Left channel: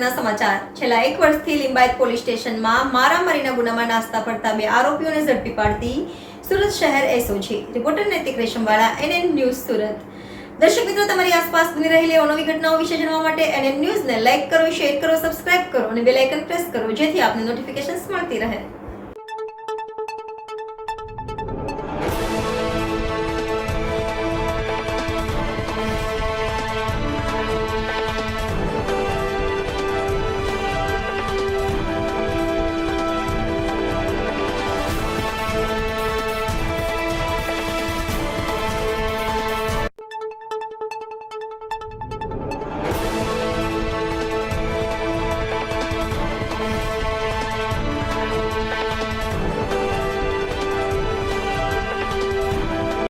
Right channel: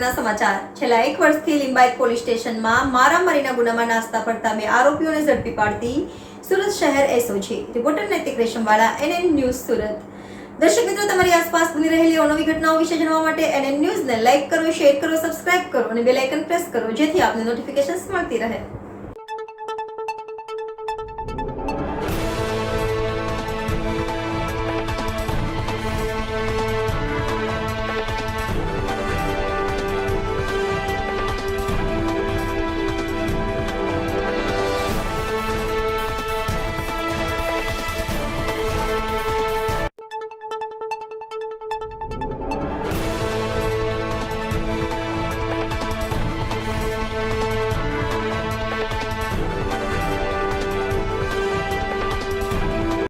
અગત્યના સમાચાર છેલ્લા 1 વર્ષથી લિંબાયત પોલીસ સ્ટેશનમાં મારામારીના ગુનામાં નાસ્તા ફરતા 2 આરોપીઓને ઝડપી પાડતી સુરત શહેર એસઓજી. રિપોર્ટર નૈતિક રેશમવાળા, NN ન્યૂઝ સુરત. દર્શક મિત્રો, તમારી આસપાસ બની રહેલી અવનવી ઘટનાઓ વિશે જાણવા માટે NN ન્યૂઝને લાઇક કરો, શેર કરો, સબસ્ક્રાઇબ કરો અને બેલ આઇકન પ્રેસ કરો, જેથી આપને નોટિફિકેશન્સ મળતી રહે.